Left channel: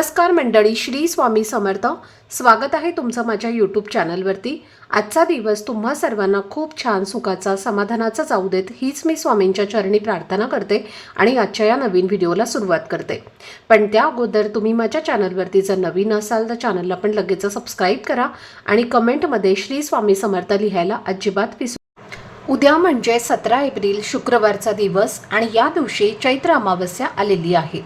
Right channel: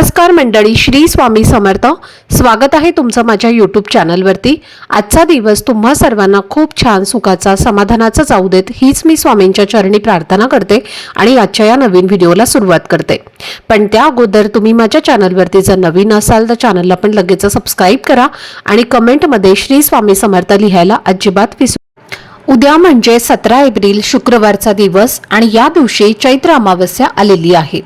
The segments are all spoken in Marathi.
नमस्कार मंडळी, श्री स्वामी समर्थ. स्वागत आहे तुमचं माझ्या यूट्यूब चॅनलवरती. आजचा दिवस तुम्हा सर्वांना खूप छान सुखाचा समाधानाचा जाऊ देत हीच मी स्वामींच्या चरणी प्रार्थना करते आणि आजच्या या नवीन व्हिडिओला सुरुवात करते. पण त्या अगोदर तुम्ही माझ्या चॅनलवरती जर नवीन असाल तर चॅनलला पण लगेच सबस्क्राईब करा आणि कमेंटमध्ये श्री स्वामी समर्थ लिहायला अजिबात विसरू. उद्या म्हणजे 17 एप्रिल शुक्रवारचा दिवस आणि या दिवशी चैत्र अमावस्या आलेली आहे.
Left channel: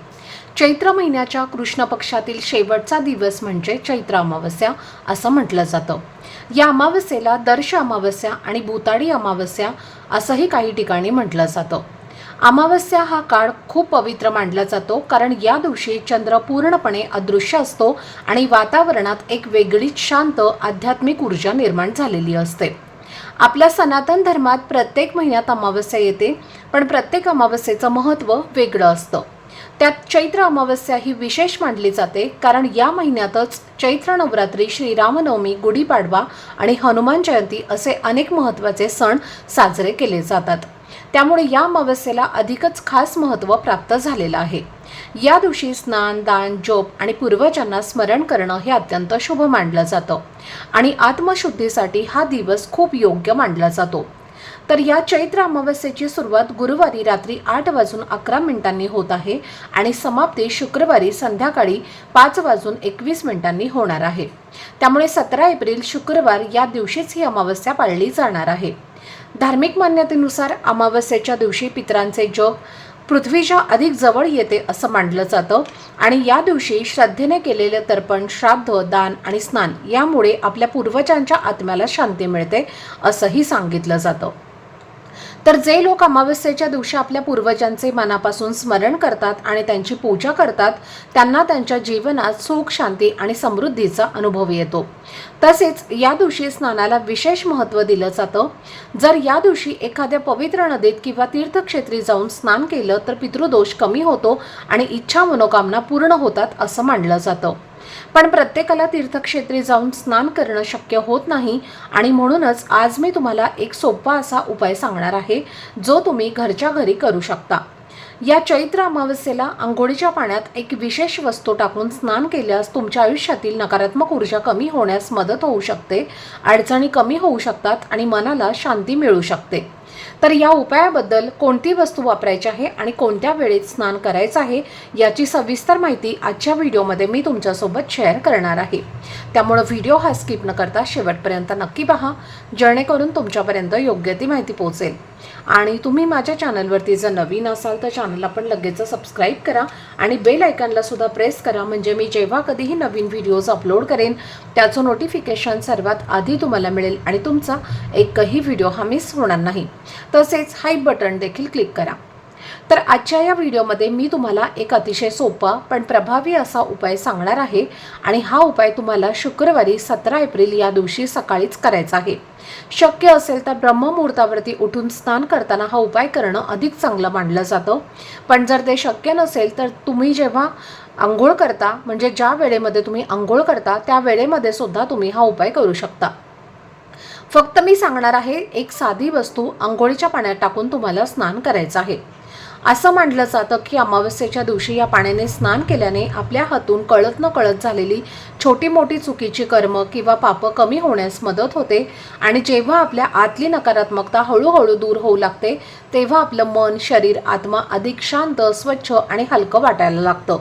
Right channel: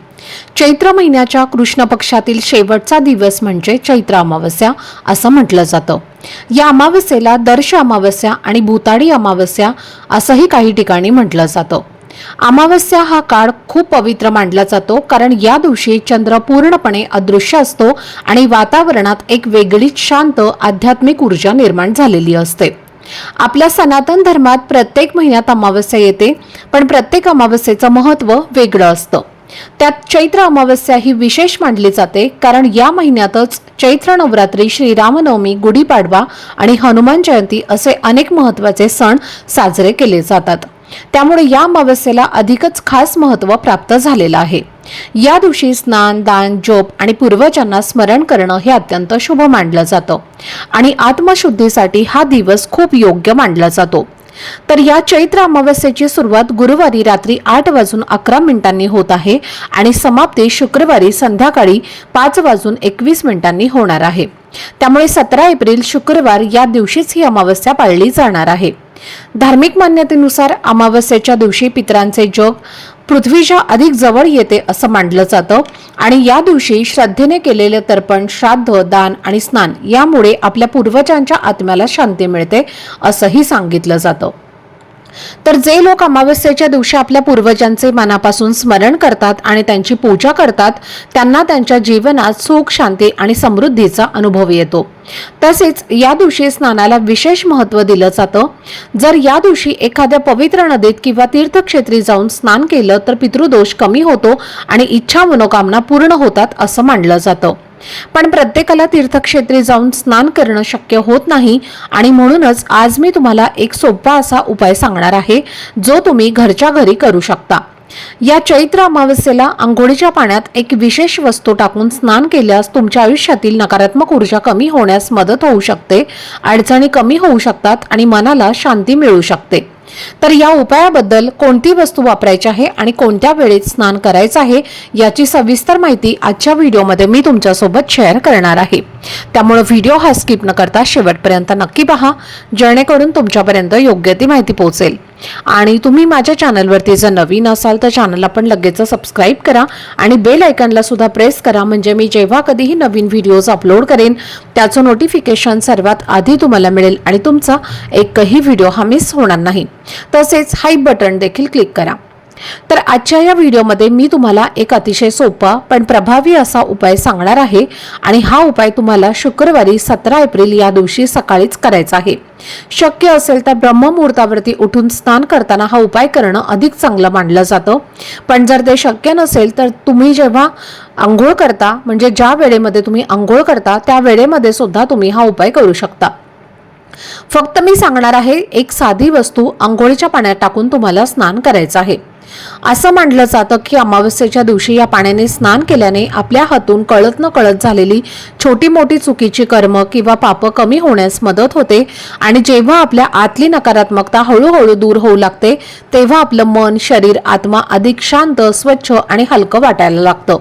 चैत्र महिन्याच्या कृष्ण पक्षातील शेवटचा दिवस म्हणजे चैत्र अमावस्या असं म्हटलं जातं. या अमावस्येला दर्श अमावस्या आणि भूताडी अमावस्या असंही काही ठिकाणी म्हटलं जातं. अमावस्या हा काळ खूप पवित्र मानला जातो, कारण या दिवशी चंद्र पूर्णपणे अदृश्य असतो आणि वातावरणात एक वेगळीच शांत आध्यात्मिक ऊर्जा निर्माण झालेली असते. आपल्या सनातन धर्मात प्रत्येक महिन्यात अमावस्या येते, पण प्रत्येक अमावस्येचं महत्त्व वेगळं असतं. त्यात चैत्र अमावस्या ही विशेष मानली जाते, कारण या महिन्यातच चैत्र नवरात्री, श्रीरामनवमी, गुढीपाडवा आणि हनुमान जयंती असे अनेक महत्त्वाचे सण साजरे केले जातात. त्यामुळे या अमावस्येला अधिकच खास महत्त्व प्राप्त झालेलं आहे. या दिवशी स्नान, दान, जप आणि पूर्वजांना स्मरण करणं हे अत्यंत शुभ मानलं जातं आणि आत्मशुद्धीसाठी हा दिवस खूप योग्य मानला जातो. तर या चैत्र अमावस्येची सुरुवात गुरुवारी रात्री 8:11 होत आहे आणि समाप्ती शुक्रवारी संध्याकाळी 5:21 होणार आहे. त्यामुळे 17 एप्रिल शुक्रवार या दिवशीच ही अमावस्या पाळली जाणार आहे. धार्मिक मान्यतेनुसार अमावस्येच्या दिवशी पितरांचे जग पृथ्वीच्या अधिक जवळ येते असं मानलं जातं आणि या दिवशी श्रद्धेने केलेले तर्पण, श्राद्ध, दान आणि स्नान यामुळे आपल्या पूर्वजांच्या आत्म्याला शांती मिळते असंही सांगितलं जातं. तर जे लोक अमावस्येच्या दिवशी आपल्या पूर्वजांचे मनापासून स्मरण करतात आणि त्यांची पूजा करतात, त्यांना त्यांच्या जीवनात सुख, शांती आणि समृद्धीचा अनुभव येतो. तसेच या दिवशी स्नानाला विशेष महत्त्व दिलं जातं. जर या दिवशी एखाद्या पवित्र नदीत किंवा तीर्थक्षेत्री जाऊन स्नान केलं तर पितृदोष कमी होतो आणि इच्छा मनोकामना पूर्ण होतात असं मानलं जातं. पण प्रत्येकाला तीर्थक्षेत्री जाऊन स्नान करणं शक्य होत नाही आणि म्हणूनच आज मी तुम्हाला एक सोपा असा उपाय सांगणार आहे, जो तुम्ही घरच्या घरी करू शकता. या चैत्र अमावस्येला अंघोळीच्या पाण्यात एक विशेष वस्तू टाकून स्नान केल्यास तुमच्या आयुष्यातील नकारात्मक ऊर्जा कमी होण्यास मदत होऊ शकते, अडचणी कमी होऊ शकतात आणि मनाला शांती मिळू शकते. तर या उपायाबद्दल कोणती वस्तू वापरायची आहे आणि कोणत्या वेळेत स्नान करायचं आहे याची सविस्तर माहिती आजच्या व्हिडिओमध्ये मी तुमच्यासोबत शेअर करणार आहे. त्यामुळे व्हिडिओ हा स्किप न करता शेवटपर्यंत नक्की पहा, जेणेकरून तुमच्यापर्यंत योग्य ती माहिती पोहोचेल. आणि तुम्ही माझ्या चॅनलवरती जर नवीन असाल तर चॅनलला पण लगेच सबस्क्राईब करा आणि बेल आयकॉनला सुद्धा प्रेस करा, म्हणजे मी जेव्हा कधीही नवीन व्हिडिओज अपलोड करेन त्याचं नोटिफिकेशन सर्वात आधी तुम्हाला मिळेल आणि तुमचा एकही व्हिडिओ हा मिस होणार नाही. तसेच हाय बटन देखील क्लिक करा. तर आजच्या या व्हिडिओमध्ये मी तुम्हाला एक अतिशय सोपा पण प्रभावी असा उपाय सांगणार आहे आणि हा उपाय तुम्हाला शुक्रवारी 17 एप्रिल या दिवशी सकाळीच करायचा आहे. शक्य असेल तर ब्रह्ममुहूर्तावरती उठून स्नान करताना हा उपाय करणं अधिक चांगलं मानलं जातं. पण जर ते शक्य नसेल तर तुम्ही जेव्हा आंघोळ करता, म्हणजे ज्या वेळेमध्ये तुम्ही आंघोळ करता त्या वेळेमध्ये सुद्धा तुम्ही हा उपाय करू शकता. फक्त मी सांगणार आहे, एक साधी वस्तू अंघोळीच्या पाण्यात टाकून तुम्हाला स्नान करायचं आहे. असं मानलं जातं की अमावस्येच्या दिवशी या पाण्याने स्नान केल्याने आपल्या हातून कळत न कळत झालेली छोटी मोठी चुकीची कर्म किंवा पाप कमी होण्यास मदत होते आणि जेव्हा आपल्या आतली नकारात्मकता हळूहळू दूर होऊ लागते तेव्हा आपलं मन, शरीर, आत्मा अधिक शांत, स्वच्छ आणि हलकं वाटायला लागतं.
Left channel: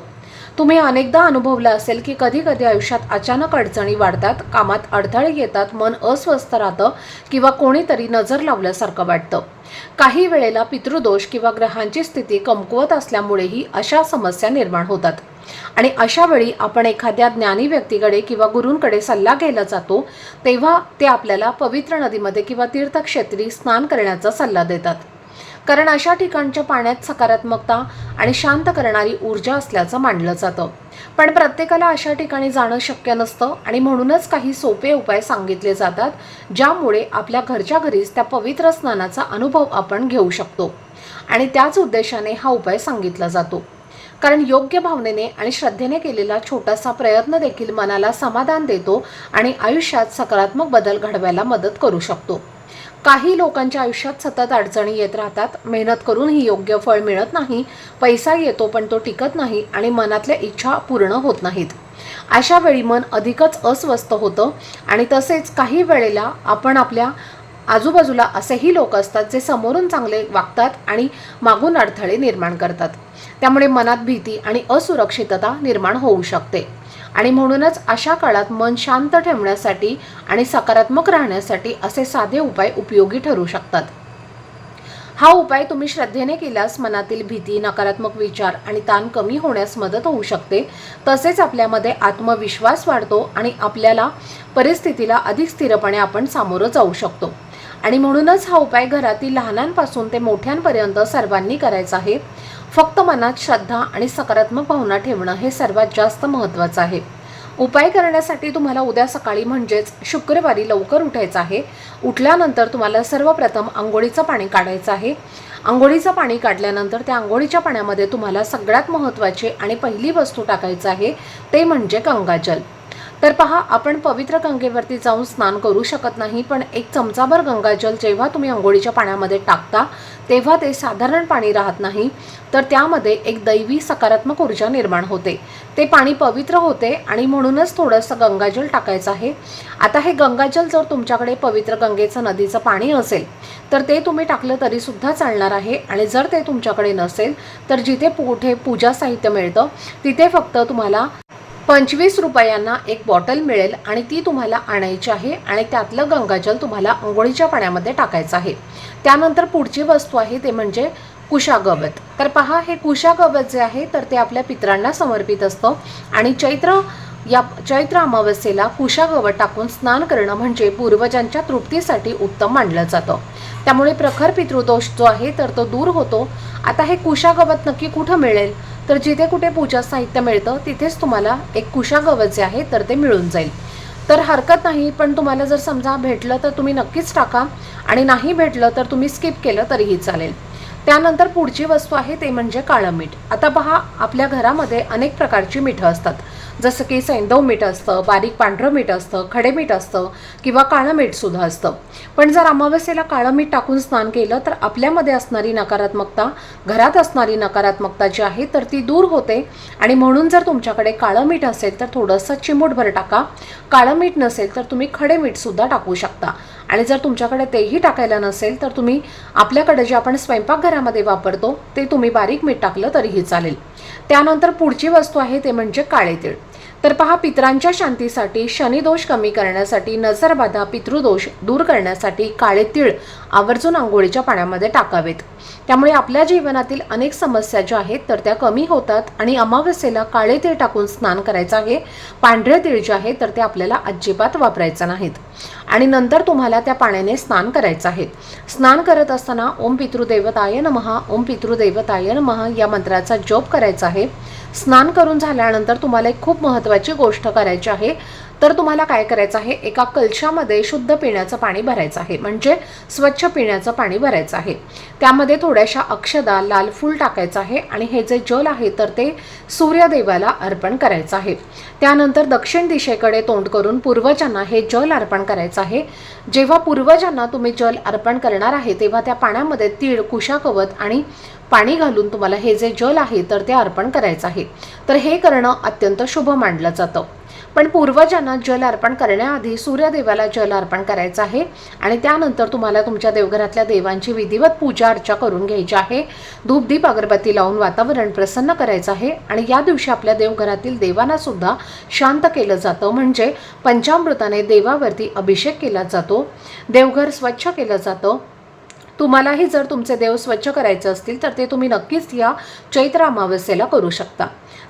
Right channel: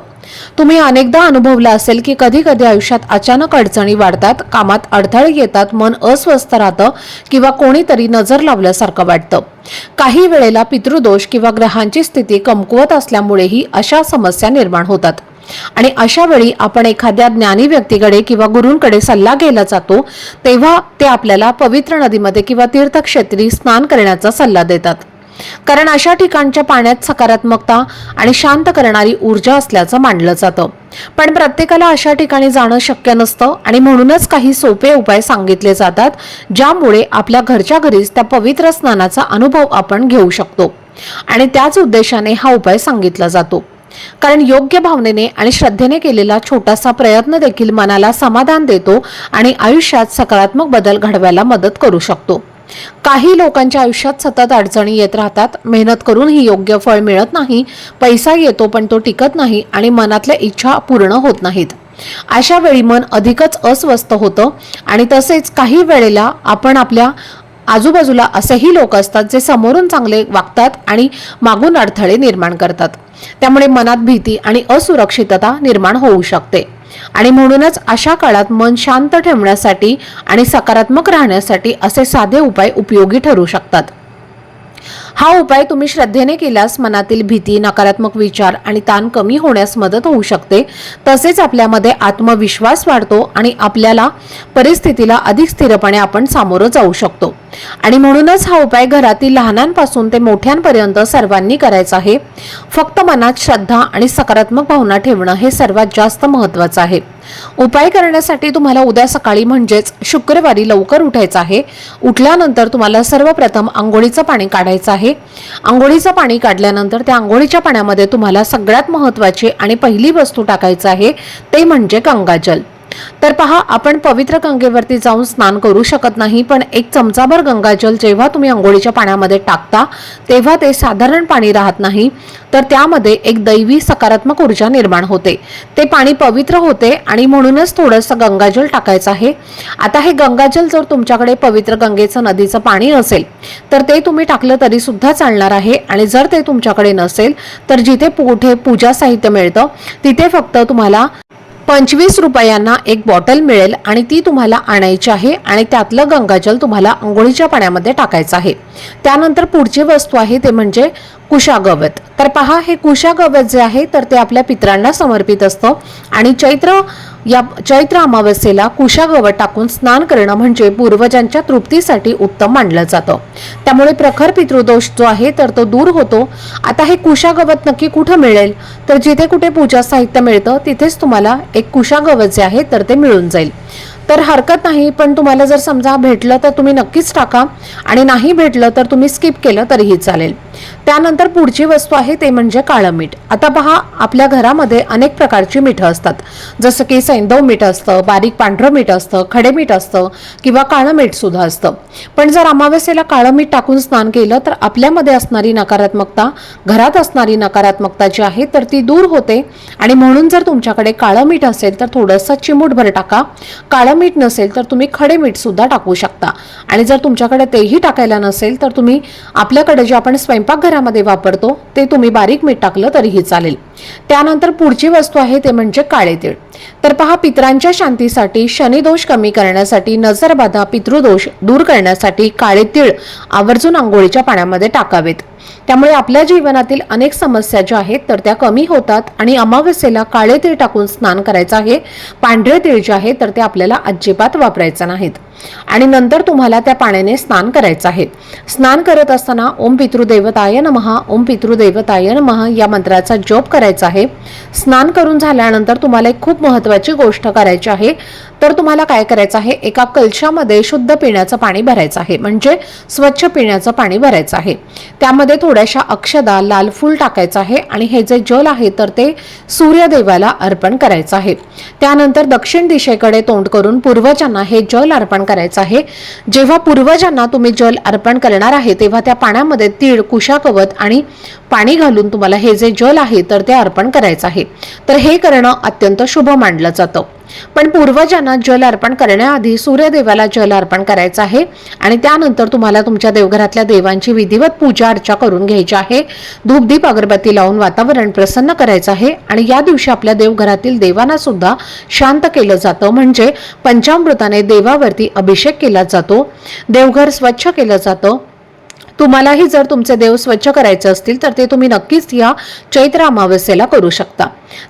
तुम्ही अनेकदा अनुभवलं असेल की कधी कधी आयुष्यात अचानक अडचणी वाढतात, कामात अडथळे येतात, मन अस्वस्थ राहतं किंवा कोणीतरी नजर लावल्यासारखं वाटतं. काही वेळेला पितृदोष किंवा ग्रहांची स्थिती कमकुवत असल्यामुळेही अशा समस्या निर्माण होतात आणि अशा वेळी आपण एखाद्या ज्ञानी व्यक्तीकडे किंवा गुरूंकडे सल्ला घ्यायला जातो, तेव्हा ते आपल्याला पवित्र नदीमध्ये किंवा तीर्थक्षेत्री स्नान करण्याचा सल्ला देतात, कारण अशा ठिकाणच्या पाण्यात सकारात्मकता आणि शांत करणारी ऊर्जा असल्याचं मानलं जातं. पण प्रत्येकाला अशा ठिकाणी जाणं शक्य नसतं आणि म्हणूनच काही सोपे उपाय सांगितले जातात, ज्यामुळे आपल्या घरच्या घरीच त्या पवित्र स्नानाचा अनुभव आपण घेऊ शकतो आणि त्याच उद्देशाने हा उपाय सांगितला जातो. कारण योग्य भावनेने आणि श्रद्धेने केलेला छोटासा प्रयत्न देखील मनाला समाधान देतो आणि आयुष्यात सकारात्मक बदल घडवायला मदत करू शकतो. काही लोकांच्या आयुष्यात सतत अडचणी येत राहतात, मेहनत करूनही योग्य फळ मिळत नाही, पैसा येतो पण तो टिकत नाही आणि मनातल्या इच्छा पूर्ण होत नाहीत. अशा वेळी मन अधिकच अस्वस्थ होतं आणि तसेच काही वेळेला आपण आपल्या आजूबाजूला असेही लोक असतात जे समोरून चांगले वागतात आणि मागून अडथळे निर्माण करतात. त्यामुळे मनात भीती आणि असुरक्षितता निर्माण होऊ शकते आणि म्हणूनच अशा काळात मन शांत ठेवण्यासाठी आणि सकारात्मक राहण्यासाठी असे साधे उपाय उपयोगी ठरू शकतात. हा उपाय तुम्ही श्रद्धेने केल्यास मनातील भीती, नकारात्मक विचार आणि ताण कमी होण्यास मदत होऊ शकते. तसेच आपल्यामध्ये आत्मविश्वास वाढतो आणि आपल्याला परिस्थितीला अधिक स्थिरपणे आपण सामोरं जाऊ शकतो. आणि म्हणूनच हा उपाय घरातील लहानांपासून ते मोठ्यांपर्यंत सर्वांनी करायचा आहे. फक्त मनात श्रद्धा आणि सकारात्मक भावना ठेवणं हे सर्वात जास्त महत्त्वाचं आहे. उपाय करण्यासाठी तुम्हाला उद्या सकाळी म्हणजेच शुक्रवारी लवकर उठायचं आहे. उठल्यानंतर तुम्हाला सर्वप्रथम अंघोळीचं पाणी काढायचं आहे. अंघोळीचं पाणी काढल्यानंतर त्या अंघोळीच्या पाण्यामध्ये तुम्हाला सगळ्यात महत्त्वाची आणि पहिली वस्तू टाकायचं आहे ते म्हणजे गंगाजल. तर पहा, आपण पवित्र गंगेवरती जाऊन स्नान करू शकत नाही, पण एक चमचाभर गंगाजल जेव्हा तुम्ही अंघोळीच्या पाण्यामध्ये टाकता तेव्हा ते साधारण पाणी राहत नाही, तर त्यामध्ये एक दैवी सकारात्मक ऊर्जा निर्माण होते. ते पाणी पवित्र होते आणि म्हणूनच थोडंसं गंगाजल टाकायचं आहे. आता हे गंगाजल जर तुमच्याकडे पवित्र गंगेचं नदीचं पाणी असेल तर ते तुम्ही टाकलं तरी सुद्धा चालणार आहे. आणि जर ते तुमच्याकडे नसेल तर जिथे कुठे पूजा साहित्य मिळतं तिथे फक्त तुम्हाला 25 रुपयांना एक बॉटल मिळेल आणि ती तुम्हाला आणायची आहे आणि त्यातलं गंगाजल तुम्हाला अंघोळीच्या पाण्यामध्ये टाकायचं आहे. त्यानंतर पुढची वस्तू आहे ते म्हणजे कुशागवत. तर पहा, हे कुशागवत जे आहे तर ते आपल्या पितरांना समर्पित असतं आणि चैत्र अमावस्येला कुशागवत टाकून स्नान करणं म्हणजे पूर्वजांच्या तृप्तीसाठी उत्तम मानलं जातं. त्यामुळे प्रखर पितृदोष जो आहे तर तो दूर होतो. आता हे कुशागवत नक्की कुठे मिळेल, तर जिथे कुठे पूजा साहित्य मिळतं तिथेच तुम्हाला एक कुशागवत जे आहे तर ते मिळून जाईल. तर हरकत नाही, पण तुम्हाला जर समजा भेटलं तर तुम्ही नक्कीच टाका आणि नाही भेटलं तर तुम्ही स्किप केलं तरीही चालेल. त्यानंतर पुढची वस्तू आहे ते म्हणजे काळं मीठ. आता पहा, आपल्या घरामध्ये अनेक प्रकारची मीठं असतात, जसं की सैंधव मीठ असतं, बारीक पांढरं मीठ असतं, खडे मीठ असतं किंवा काळं मीठ सुद्धा असतं. पण जर अमावस्येला काळं मीठ टाकून स्नान केलं तर आपल्यामध्ये असणारी नकारात्मकता, घरात असणारी नकारात्मकता जी आहे तर ती दूर होते. आणि म्हणून जर तुमच्याकडे काळं मीठ असेल तर थोडंसं चिमूटभर टाका. काळं मीठ नसेल तर तुम्ही खडे मीठ सुद्धा टाकू शकता. आणि जर तुमच्याकडे तेही टाकायला नसेल तर तुम्ही आपल्याकडे जे आपण स्वयंपाकघरामध्ये वापरतो ते तुम्ही बारीक मीठ टाकलं तरीही चालेल. त्यानंतर पुढची वस्तू आहे ते म्हणजे काळे तीळ. तर पहा, पितरांच्या शांतीसाठी, शनिदोष कमी करण्यासाठी, नजरबाधा, पितृदोष दूर करण्यासाठी काळे तीळ आवर्जून अंघोळीच्या पाण्यामध्ये टाकावेत. त्यामुळे आपल्या जीवनातील अनेक समस्या ज्या आहेत तर त्या कमी होतात. आणि अमावस्येला काळे तीळ टाकून स्नान करायचं आहे. पांढरे तीळ जे आहे तर ते आपल्याला अजिबात वापरायचं नाहीत. आणि नंतर तुम्हाला त्या पाण्याने स्नान करायचं आहे. स्नान करत असताना ओम पितृदेवताय नमः, ओम पितृदेवताय नमः या मंत्राचा जप करायचा आहे. स्नान करून झाल्यानंतर तुम्हाला एक खूप महत्त्वाची गोष्ट करायची आहे. तर तुम्हाला काय करायचं आहे, एका कलशामध्ये शुद्ध पिण्याचं पाणी भरायचं आहे, म्हणजे स्वच्छ पिण्याचं पाणी भरायचं आहे. त्यामध्ये थोड्याशा अक्षदा, लाल फूल टाकायचं आहे आणि हे जे जल आहे तर ते सूर्यदेवाला अर्पण करायचं आहे. त्यानंतर दक्षिण दिशेकडे तोंड करून पूर्वजांना हे जल अर्पण करायचं आहे. जेव्हा पूर्वजांना तुम्ही जल अर्पण करणार आहे तेव्हा त्या पाण्यामध्ये तीळ, कुशागवत आणि पाणी घालून तुम्हाला हे जे जल आहे तर ते अर्पण करायचं आहे. तर हे करणं अत्यंत शुभ मानलं जातं. पण पूर्वजांना जल अर्पण करण्याआधी सूर्यदेवाला जल अर्पण करायचं आहे आणि त्यानंतर तुम्हाला तुमच्या देवघरातल्या देवांची विधिवत पूजा अर्चा करून घ्यायची आहे. धूप दीप अगरबत्ती लावून वातावरण प्रसन्न करायचं आहे. आणि या दिवशी आपल्या देवघरातील देवांना सुद्धा शांत केलं जातं, म्हणजे पंचामृताने देवावरती अभिषेक केला जातो, देवघर स्वच्छ केलं जातं. तुम्हालाही जर तुमचे देव स्वच्छ करायचे असतील तर ते तुम्ही नक्कीच या चैत्र अमावस्येला करू शकता.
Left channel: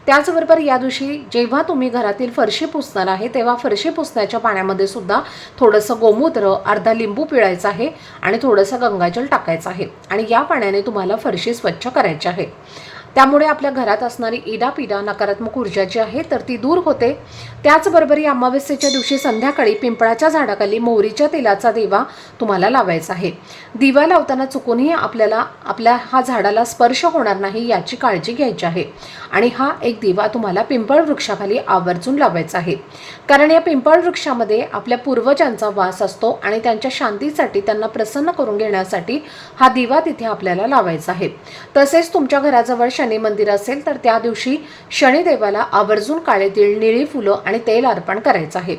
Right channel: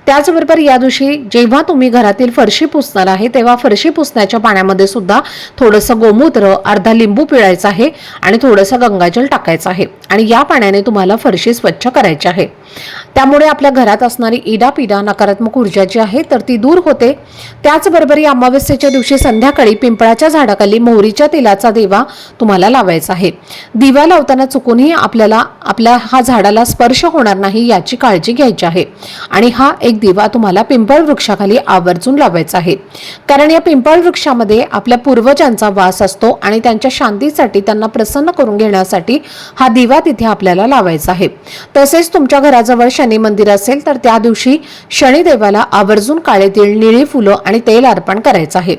त्याचबरोबर या दिवशी जेव्हा तुम्ही घरातील फरशी पुसणार आहे तेव्हा फरशी पुसण्याच्या पाण्यामध्ये सुद्धा थोडंसं गोमूत्र, अर्धा लिंबू पिळायचा आहे आणि थोडंसं गंगाजल टाकायचं आहे आणि या पाण्याने तुम्हाला फरशी स्वच्छ करायची आहे. त्यामुळे आपल्या घरात असणारी इडापिडा नकारात्मक ऊर्जा जी आहे तर ती दूर होते। त्याचबरोबर या अमावस्येच्या दिवशी संध्याकाळी पिंपळाच्या झाडाखाली मोहरीच्या तेलाचा दिवा तुम्हाला लावायचा आहे। दिवा लावताना चुकूनही आपल्या हा झाडाला स्पर्श होणार नाही याची काळजी घ्यायची आहे आणि हा एक दिवा तुम्हाला पिंपळ वृक्षाखाली आवर्जून लावायचा आहे, कारण या पिंपळ वृक्षामध्ये आपल्या पूर्वजांचा वास असतो आणि त्यांच्या शांतीसाठी, त्यांना प्रसन्न करून घेण्यासाठी हा दिवा तिथे आपल्याला लावायचा आहे। तसेच तुमच्या घराजवळ शनी मंदिर असेल तर त्या दिवशी शनिदेवाला आवर्जून काळे तीळ, निळी फुलं आणि तेल अर्पण करायचं आहे।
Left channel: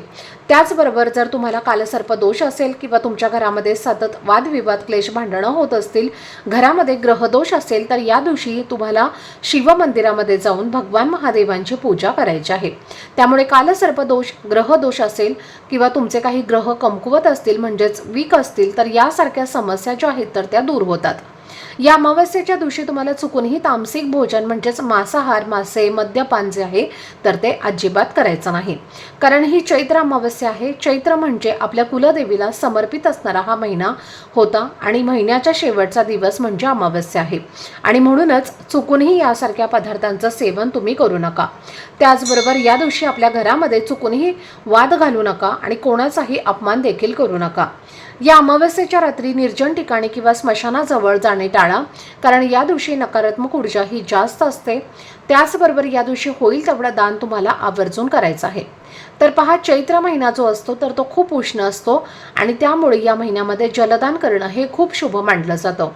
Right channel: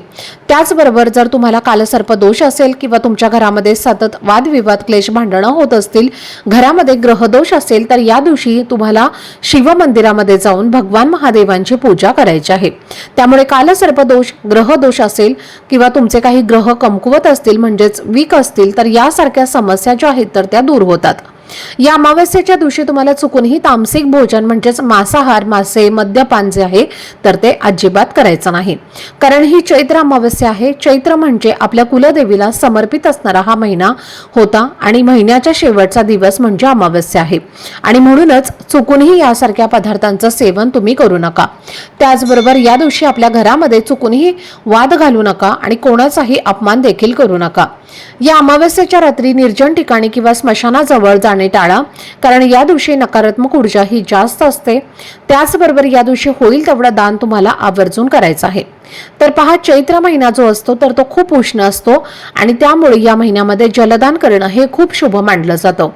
त्याचबरोबर जर तुम्हाला कालसर्प दोष असेल किंवा तुमच्या घरामध्ये सतत वादविवाद, क्लेश, भांडणं होत असतील, घरामध्ये ग्रहदोष असेल तर या दिवशी तुम्हाला शिव मंदिरामध्ये जाऊन भगवान महादेवांची पूजा करायची आहे। त्यामुळे कालसर्प दोष, ग्रहदोष असेल किंवा तुमचे काही ग्रह कमकुवत असतील म्हणजेच वीक असतील तर यासारख्या समस्या ज्या आहेत तर त्या दूर होतात। या अमावस्येच्या दिवशी तुम्हाला चुकूनही तामसिक भोजन म्हणजेच मांसाहार, मासे, मद्यपान जे आहे तर ते अजिबात करायचं नाही, कारण ही चैत्र अमावस्या आहे। चैत्र म्हणजे आपल्या कुलदेवीला समर्पित असणारा हा महिना होता आणि महिन्याचा शेवटचा दिवस म्हणजे अमावस्या आहे आणि म्हणूनच चुकूनही यासारख्या पदार्थांचं सेवन तुम्ही करू नका। त्याचबरोबर या दिवशी आपल्या घरामध्ये चुकूनही वाद घालू नका आणि कोणाचाही अपमान देखील करू नका। या अमावस्येच्या रात्री निर्जन ठिकाणी किंवा स्मशानाजवळ जाणे टाळा, कारण या दिवशी नकारात्मक ऊर्जा ही जास्त असते। त्याचबरोबर या दिवशी होईल तेवढं दान तुम्हाला आवर्जून करायचं आहे। तर पहा, चैत्र महिना जो असतो तर तो खूप उष्ण असतो आणि त्यामुळे या महिन्यामध्ये जलदान करणं हे खूप शुभ मानलं जातं।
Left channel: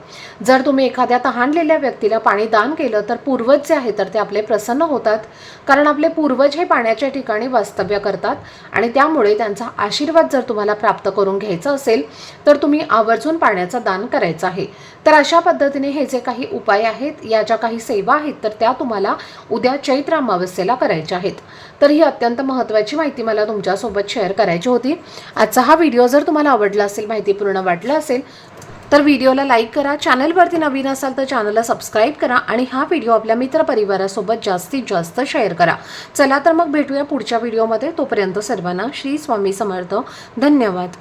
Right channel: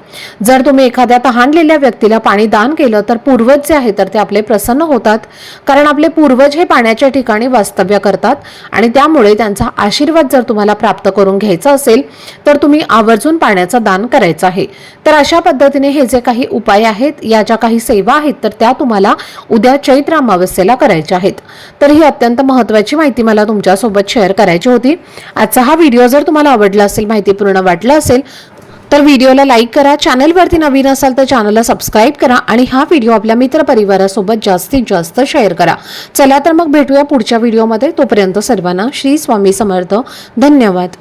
जर तुम्ही एखाद्या तहानलेल्या व्यक्तीला पाणी दान केलं तर पूर्वज जे आहे तर ते आपले प्रसन्न होतात, कारण आपले पूर्वज हे पाण्याच्या ठिकाणी वास्तव्य करतात आणि त्यामुळे त्यांचा आशीर्वाद जर तुम्हाला प्राप्त करून घ्यायचा असेल तर तुम्ही आवर्जून पाण्याचं दान करायचं आहे। तर अशा पद्धतीने हे जे काही उपाय आहेत, या ज्या काही सेवा आहेत तर त्या तुम्हाला उद्या चैत्र अमावस्येला करायच्या आहेत। तर ही अत्यंत महत्त्वाची माहिती मला तुमच्यासोबत शेअर करायची होती। आजचा हा व्हिडिओ जर तुम्हाला आवडला असेल, माहितीपूर्ण वाटला असेल तर व्हिडिओला लाईक करा, चॅनलवरती नवीन असाल तर चॅनलला सबस्क्राईब करा आणि हा व्हिडिओ आपल्या मित्रपरिवारासोबत जास्तीत जास्त शेअर करा। चला तर मग भेटूया पुढच्या व्हिडिओमध्ये। तोपर्यंत सर्वांना श्री स्वामी समर्थ। धन्यवाद।